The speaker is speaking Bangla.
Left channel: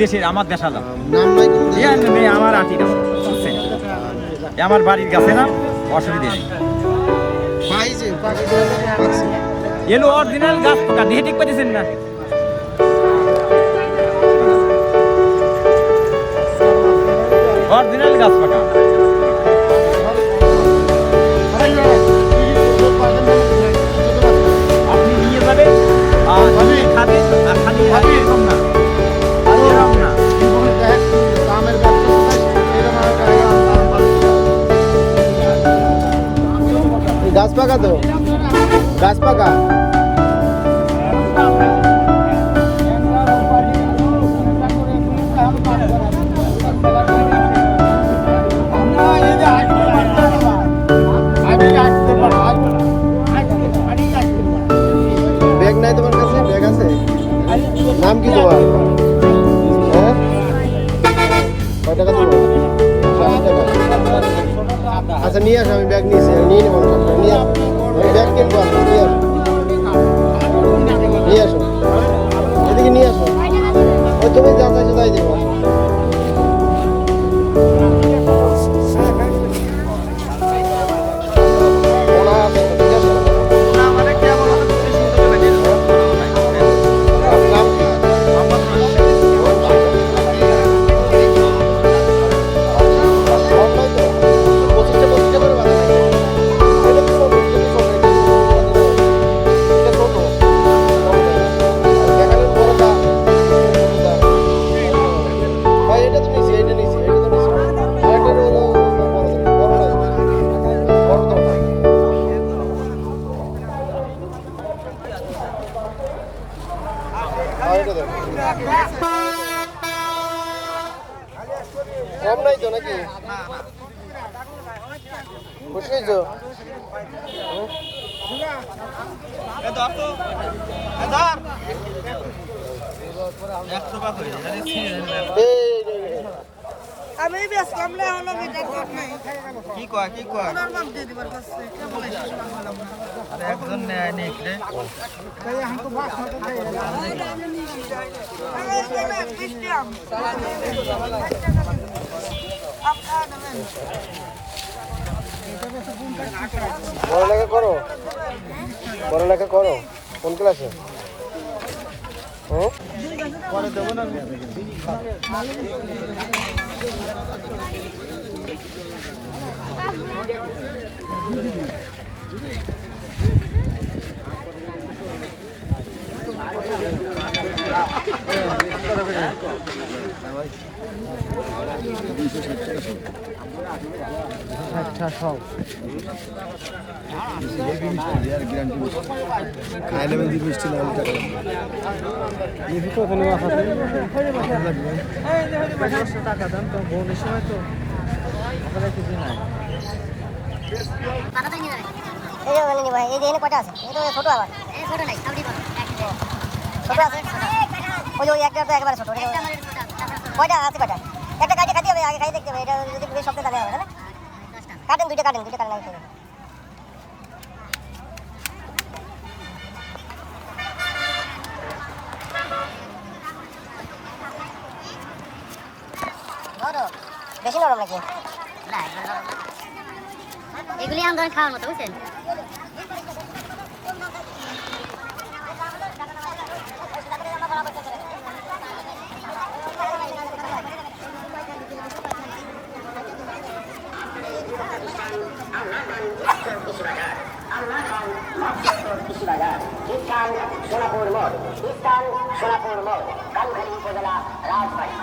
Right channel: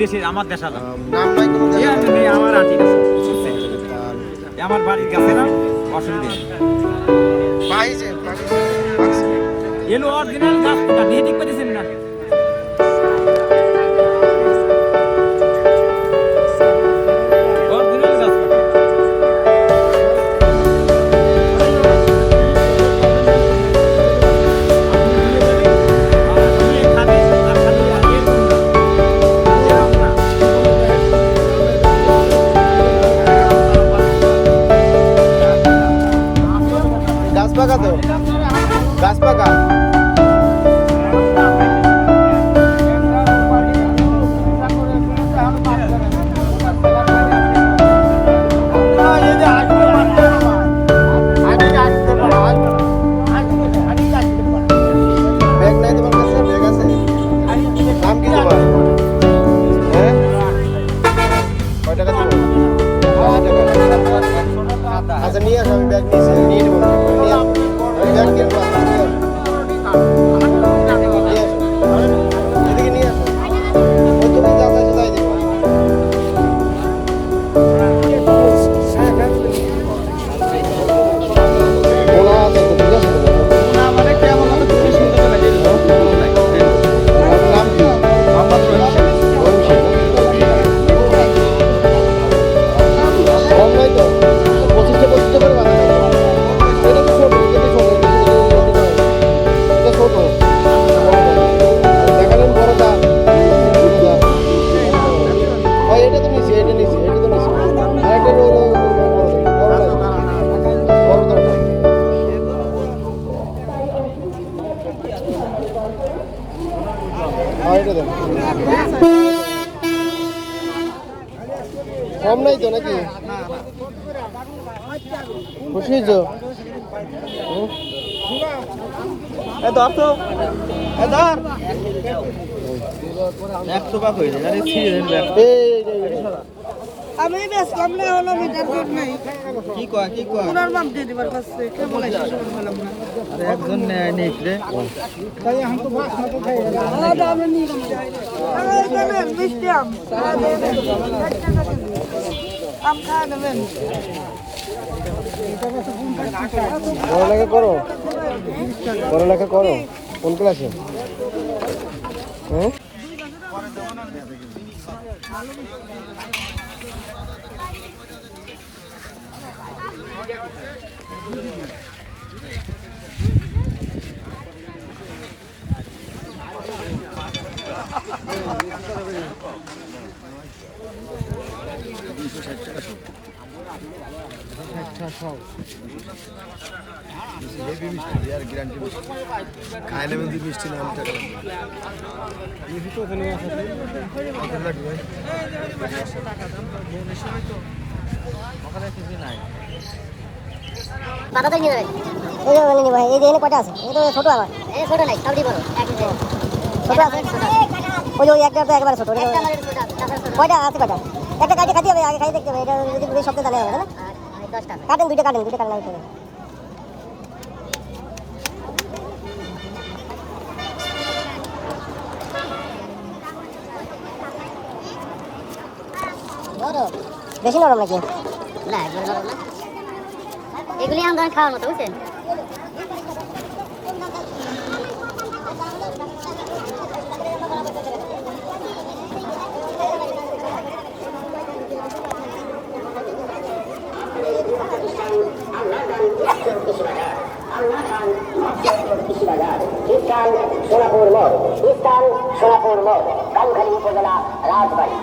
দেশের আমার দেশ আলাদা নাম নাই কোনো নেই আমার আটিটা বুঝছেন আমার বাড়ির কাছে না অসুবিধা নেই পাইছে এলো অরিজিনাল গাছ পোকা দেখে ঠিক পাচ্ছেন না অরিজিনাল গাছ পোকা আপনি নিয়ে যাবেন আর নিয়ে খাবেন আর খালি এরকম না এরকম না গাছ পাকা তো গাছ পাকা ব্যাগ নাই তোমার কাছে ব্যাগ আছে নাম কি তোমার কয় টাকা দিবো? আচ্ছা নিয়ে আসো আমি ব্যাগ নিয়েছি নিয়ে নেবো নিয়ে আসো ব্যাগ কিনবো আমরা নিয়ে আসো এদিকে নিয়ে আসো তুমি যা কাছে যাই দেবো না মানে কেমন হতো খুশি সুন্দর লাগে মোহাম্মদ রহিম কম নাই তো নাকি না না খুশি তো ধর তো ধর 100 টাকা হয়ে যায় আরে সিরিয়াল ব্যাগ আমি বেসলাম না হলো মিটার কোড নাই কি কয় ওনার নাম দিয়ে দিবার কাছে কে বলে শেষ করে ফেলাম না আরে একজন নেয় নিকলে আলাদা আমি নিয়ে গেলাম এই মিষ্টি আম খাওয়া নেবেন কোনটা আছে খাইলে মিষ্টি না হলে টাকা বাতাটা নিয়ে নেবে এই যে নিব এই যে এনে কয়টা আছে এটা ছোট আমার এই ছোট নাই সবই বড় একই সাইজ এটা আমার ছোট ওই ওই একটা তো একবারে ছোট একটা আমার ছোট তারপর ছোট কয়টা আছে কয়টা একটা কাটি কাটি হবে আগে খাই দেখতে হবে এটা যদি পুরো সবটা জানা হবে না 10টা কাটেন দুইটা কাটেন নরম বেশি নরম নাকি না একবারে নরম না এগুলি আমরা খাওয়ার মতো বুঝছেন সোনাপুর মোড় স্থান সোনাপুর মোড় কালখালী উপজেলা রাজবাড়ী